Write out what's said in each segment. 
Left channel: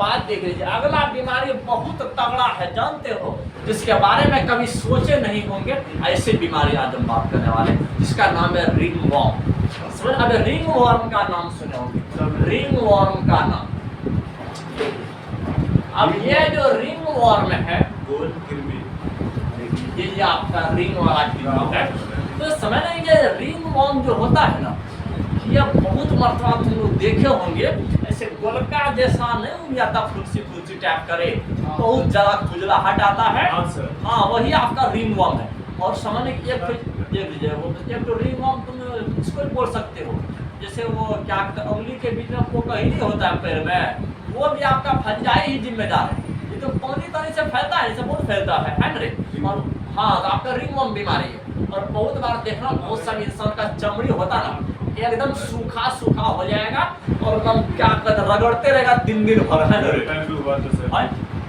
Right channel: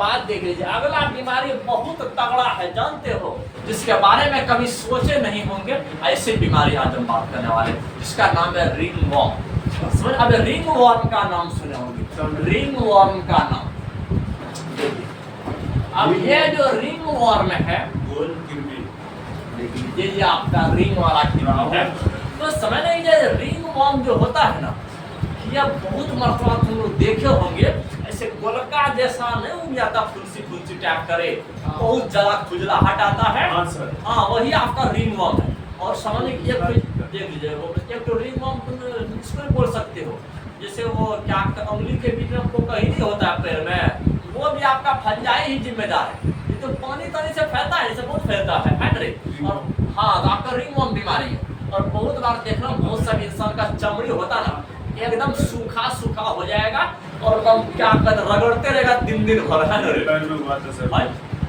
बाद देख लीजिए, अगला बीमारी बहुत तगड़ा है, जानते हो, जिसके बारे में कभी सोचे नहीं होंगे। ऐसी बीमारी आज हम बात करने वाले, जिसका नाम है रिंग वॉर्म। समझ, अब रिंग वॉर्म का नाम सुने होंगे, रिंग वॉर्म का नाम। देखिए, अब ये जो रिंग वॉर्म है, गोल कृमि, ये आपका रिंग वाला कृमि है। तो समझ नहीं, ये रिंग वॉर्म जो होता है ना, ये बहुत मरतबा तुम लोग देखे होंगे, ऐसे गोलका जैसा नहीं उग जाता, फुंसी फुंसी टाइप करे, बहुत ज्यादा खुजलाहट आता है। हाँ सर, हाँ, वही आपका रिंग वॉर्म है। और समझ लीजिए, देख लीजिए, वो एक तो रिंग वॉर्म तुम इसको भी बोल सकते हो, जैसे वो क्या उंगली के बीच में पोका ही नहीं होता है पैर में, वो भी आपका फंजाई ही जिम्मेदार है। ये तो पानी तानी से फैलता है, जैसे बहुत फैलता है रे। और हाँ, तो आपका रिंग वॉर्म बीमारी है। और बहुत बार देखना, बहुत सारे इंसान का चमड़ी होता ना, एकदम सूखा सूखा हो जाएगा, और एकदम क्या कहते, रगड़ते रहेगा दिन दिन भर, है मेरे पैर में हुआ था सर,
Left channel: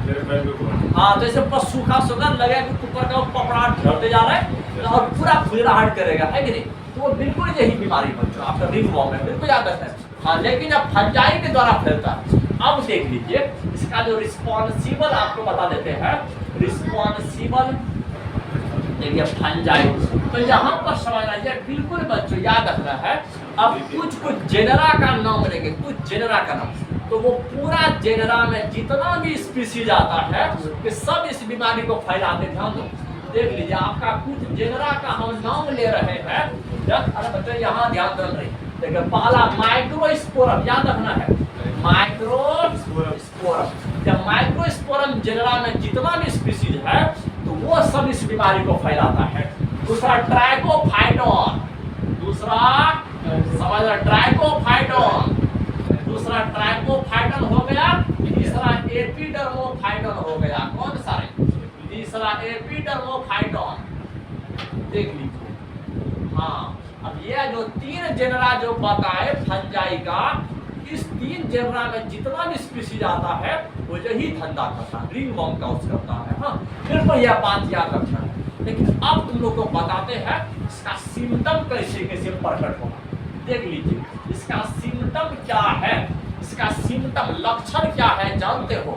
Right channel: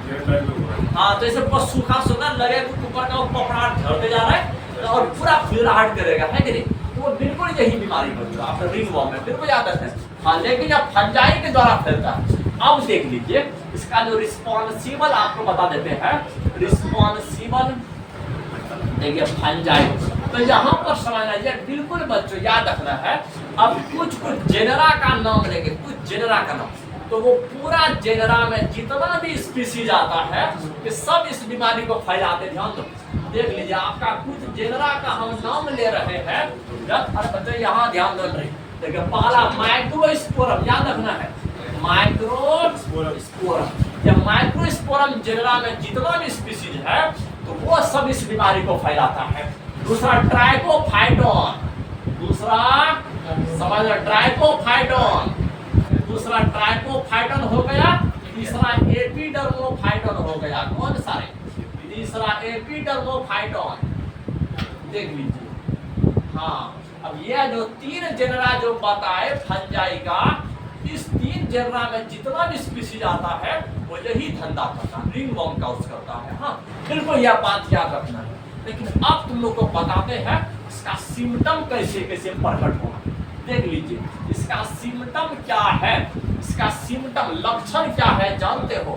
मेरे पैर में हुआ। हाँ, तो ऐसे बस सूखा सूखा लगे तो ऊपर का पपड़ाहट झड़ते जा रहा है और पूरा खुजलाहट करेगा, है कि नहीं। तो वो बिल्कुल यही बीमारी बन रहा है आपका रिंग वॉर्म में, बिल्कुल याद रखना है। हाँ, लेकिन जब फंजाई के द्वारा फैलता है। अब देख लीजिए, इसका जो रिस्पॉन्सिबल आपको बता देते हैं, रिस्पॉन्सिबल देखिए फंजाई। तो यहाँ पर समझना है, बिल्कुल बच्चों याद रखना है। अब कुछ जेनरा का नाम लेंगे, कुछ जेनरा का नाम, तो वो पूरा जेनरा में जितना भी स्पीसीज आता है, कि सब इस बीमारी को फैलाते। ध्यान दो, देख लीजिए, आपका कुछ जेनरा का हम नाम ले रहे हैं। अरे बच्चों यहाँ ध्यान दो रही, देखिए पहला माइक्रोस्पोरम, याद रखना है, माइक्रोस्पोरम। जब माइक्रोस्पोरम जेनरा में जितना भी स्पीसीज है, तो वो सब इस बीमारी को फैलाता है। दूसरा ट्राइकोफाइटोन, दूसरा समझ, ट्राइकोफाइटोन, दूसरा ट्राइकोफाइटोन हो गया। तीसरा एपिडर्मोफाइटोन हो गया। कौन सा है? तीसरा एपिडर्मोफाइटोन, देख लीजिए। हाँ, अब ये जो तीन जेनरा जो बताए फंजाई का, इस तीन जेनरा में जितना भी स्पीसीज आता है, वो यही धंधा करता है, रिंग वॉर्म का उस करता है। हाँ, बिल्कुल यह बात याद रखना है। लेकिन अब तुम लोग को बताते हैं इसका सिम्टम कैसे कैसे प्रकट होगा। देख लीजिए, इसका सिम्टम क्या है, इसका सिम्टम लक्षण क्या है जानते हो?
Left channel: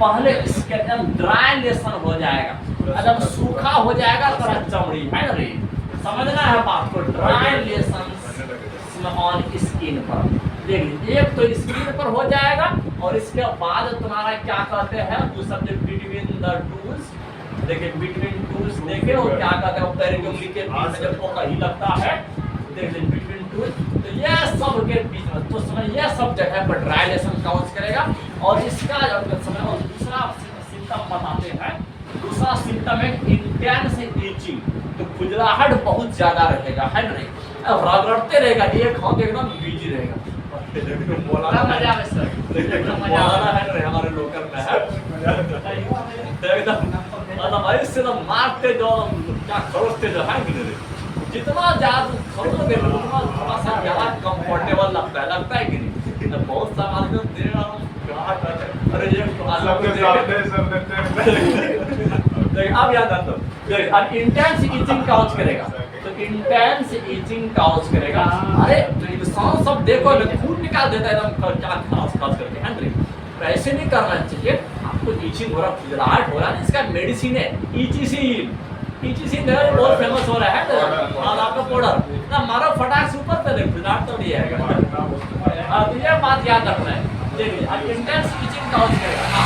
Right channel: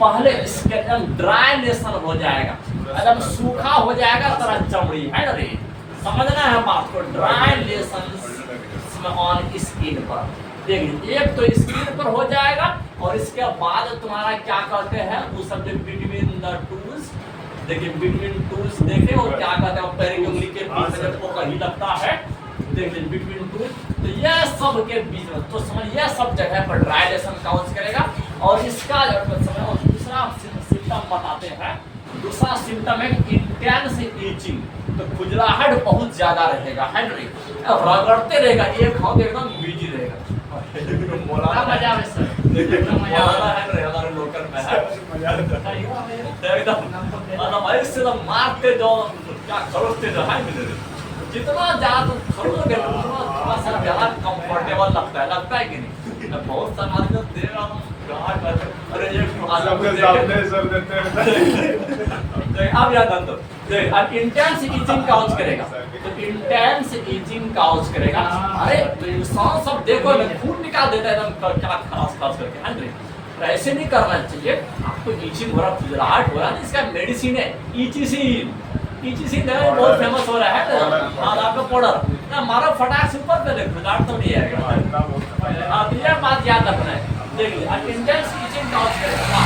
पहले इसके एकदम ड्राई लेसन हो जाएगा, एकदम सूखा हो जाएगा तरह चमड़ी, है ना रे, समझना है बात को। ड्राई लेसन ऑन स्किन पर, देख लीजिए, एक तो स्किन पर हो जाएगा, और इसके बाद तुम्हारा क्या कहते हैं वो सब, बिटवीन द टूल्स, देखिए बिटवीन टूल्स, देखे वो क्या कहते हैं, पैर की उंगली के बीच में जब वो कहीं लगता है, देख लीजिए बिटवीन टूल, तो यह सब के बीच में, तो समझ यह सब जगह पर ड्राई लेसन काउंट करेगा। और इसका समय, और दूसरा सिम्टम बताते हैं, दूसरा सिम्टम है इंटेंस ईचिंग, तो खुजलाहट बहुत ज्यादा रहेगा, है ना, रगड़ते रहेगा, एक हाथ एकदम बिजी रहेगा। बोला मजा में सर, मजा है रे, हमारे लोकल में है एकदम ऐसे तो मारते जाओ, क्या खरोचते जाओ, है कि नहीं? जितना ज्यादा खरोचोगे उतना थोड़ा सा ज्यादा कंफर्टेबल लगता है कि नहीं? बहुत सा आदमी देगा, अरे ये सबके सामने सर देते हैं। अब याद आता अब इंटेंस ईचिंग काउंट करेगा, तो इंटेंस ईचिंग काउंट करेगा। अरे तो इंसान सब देखो ना, खून निकाल देता है एकदम, क्या खास खास करके, है ना? तो ऐसे नहीं करना चाहिए। आपको ईचिंग हो रहा, खुजलाहट हो रहा है, इसका मेडिसिन है ईचिसिन, ईचिसिन है, बहुत फेमस हो रहा है ना, और आपका पाउडर ना मारो, फटाक से ऊपर पे देखो, खुजलाहट तो नहीं आएगा। अब ये बात याद रखना है, देखिए, अब इंटेंस ईचिंग काउंट करेगा।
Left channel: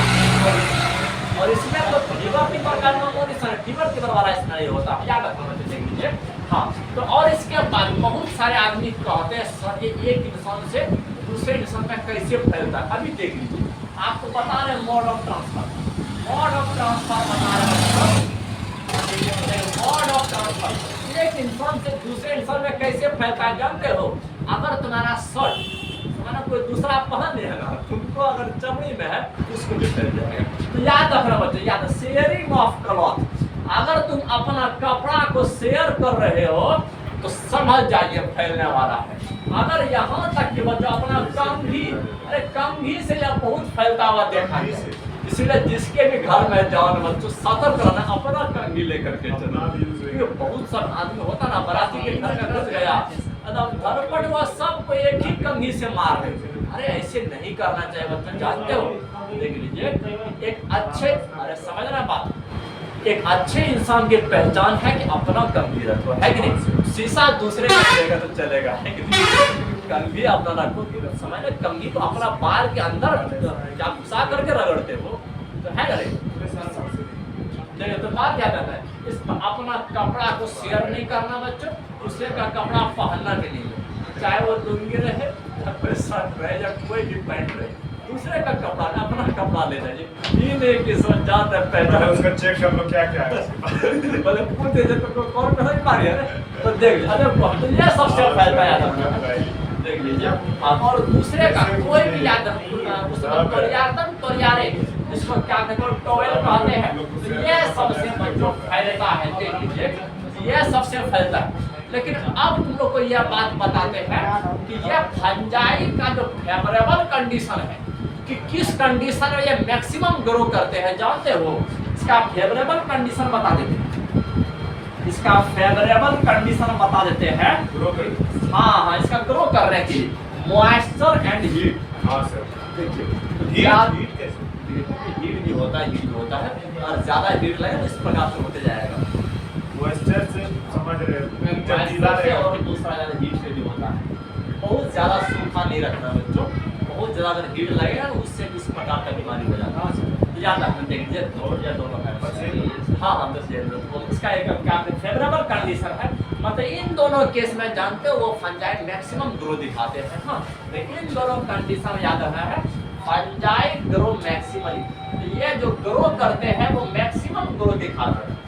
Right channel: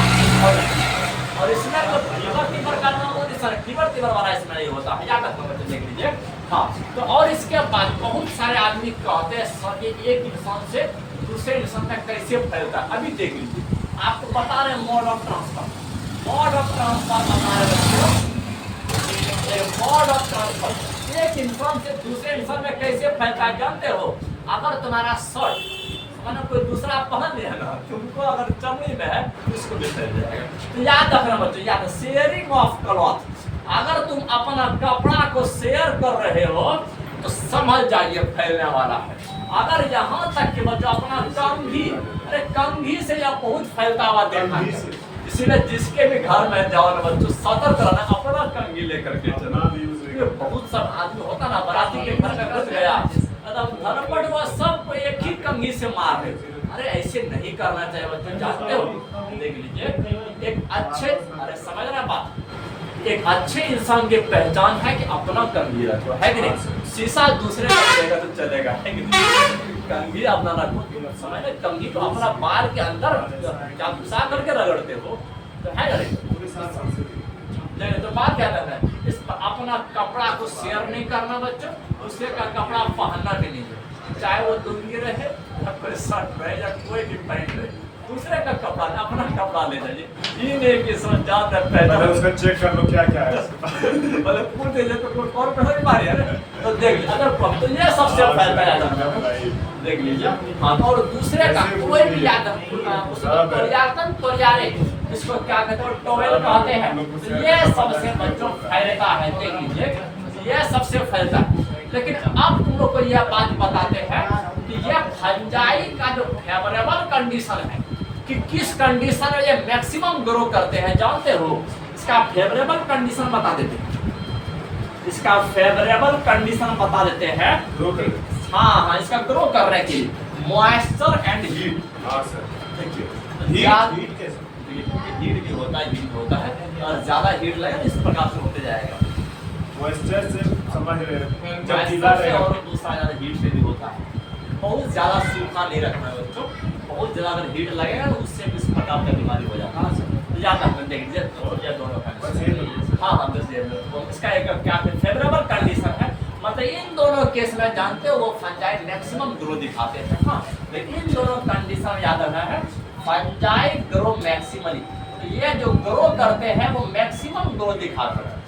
और इसमें तो फीवर का नाम होता है, फीवर वाला इसमें नहीं होता, याद रखना है, तो देख लीजिए। हाँ, तो और इसके बाद बहुत सारे आदमी कहते हैं सर ये एक इंसान से दूसरे इंसान में कैसे फैलता है। अभी देख लीजिए, आपको बता रहे हैं mode of transfer, mode of transfer बता रहे बच्चों, मोड ऑफ ट्रांसफर एक इंसान से दूसरे इंसान में कैसे फैलता है जानते हो? अगर तुम्हारा शर्ट माना कोई दूसरा पहन लिया ना, तुमको अगर चमड़ी में है उसको भी फैल जाएगा। तो याद रखना बच्चों, याद, शेयरिंग ऑफ क्लॉथ, अगर तुम अपना कपड़ा को शेयर कर रहे हो तो समझ जाइए फैलने वाला है। अगर यहाँ तक कि बच्चों अपना कंघी, अरे कंघी से यह बहुत फैलता हुआ देखा है, इसीलिए जिसके भी घर में जाओ ना बच्चों, सतर्क रहना, अपना कंघी लेकर के चलना। बहुत सा आदमी होता ना, बाराती के घर का घर गया, एकदम धरपट हुआ, सबको एक ही कंघी से मार रहे, अरे ऐसे नहीं करना चाहिए बच्चों, जानते हो, देख लीजिए एक अच्छे, अरे समझना बात, एक अच्छे इंसान की पहचान है कि अपना कंघी रखो, है कि नहीं? शीशा दूसरे का चलेगा तो चलेगा, है कि नहीं? कंघी अपना रखो, समझ रहे? कंघी तो अपना बाल के अंदर जब घुसा करके रगड़ते हो तो है ना? पूरे साथ सबसे देखो तो बात क्या करना है, इस अपना कपड़ा को शेयर नहीं करना बच्चों, दूसरे का कपड़ा पहनना भी नहीं है, चाहे वो लुंगी रहे या कोई शर्ट रहे या कोई भी पैंट रहे, दूसरे का कपड़ा अपना कपड़ा लेना जी, ये नहीं कि सोच जाता है पहले पहले उसका चेक कर लो क्या क्या है उसके पास। बोले पूछे तो कोई और नहीं मारी है ना, तो देख अगर तो ये सबसे फैलता है, देख लीजिए। और दूसरे का कोई भी याद उसमें परियातन परियारे, इसको क्या कहते हैं, टॉवेल कहते हैं, तो ये सबसे बच्चों फैलता है, देख लीजिए ये सबसे फैलता है। लेकिन अब तुम लोग को यह बात बताते हैं कि ये फंजाई का जो फेवरेबल कंडीशन है कि किस कंडीशन में ये मैक्सिमम ग्रो करते हैं, जानते हो? इसका फेवरेबल कंडीशन बता देते हैं, इसका फेवरेबल कंडीशन बता देते हैं। ग्रो कर दे। हाँ, इसका ग्रो करने के लिए मॉइस्चर एंड हीट। हाँ सर। देखिए हीट कैसे? हीट भी होता है, हीट भी होता है, और ज्यादा हीट लगे तो इस प्रकार से होते जाएगा, मॉइस्चर से समझ रहे हैं जब गीला मॉइस्चर से, रहेगा। और दूसरा ज्यादा हीट से भी होता है। बहुत ज्यादा सूखा नहीं रखना है बच्चों, बहुत ज्यादा अगर हीट लगेगा तो उससे भी इस प्रकार का बीमारी हो जाता है। तो ज्यादा देख लीजिए और या दोनों का बस ये हाँ हाँ बस ये तो इसका एक क्या फेवरेबल कंडीशन है, मतलब इन दोनों केस में जानते हो वो फंजाई मैक्सिमम ग्रो दिखाते हैं। हाँ, लेकिन इन दोनों कंडीशन याद रखना है, फंजाई ग्रो मैक्सिमली, तो ये जो ग्रो करते हैं वो मैक्सिमम ग्रो दिखाते हैं,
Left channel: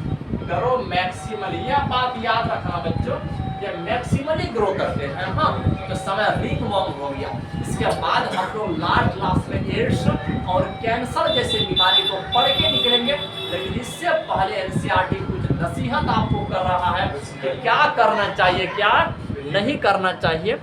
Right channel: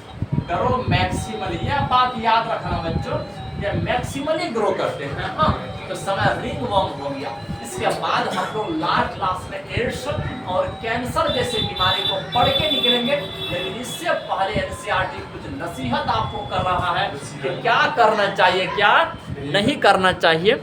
ग्रो मैक्सिमली, यह बात याद रखना बच्चों, ये मैक्सिमली ग्रो करते हैं। हाँ, तो समय रिंगवर्म हो गया, इसके बाद हम लोग लास्ट क्लास में एड्स और कैंसर जैसे बीमारी को पढ़ के निकलेंगे, लेकिन इससे पहले एनसीईआरटी कुछ नसीहत आपको कर रहा है कि क्या करना चाहिए क्या नहीं करना चाहिए।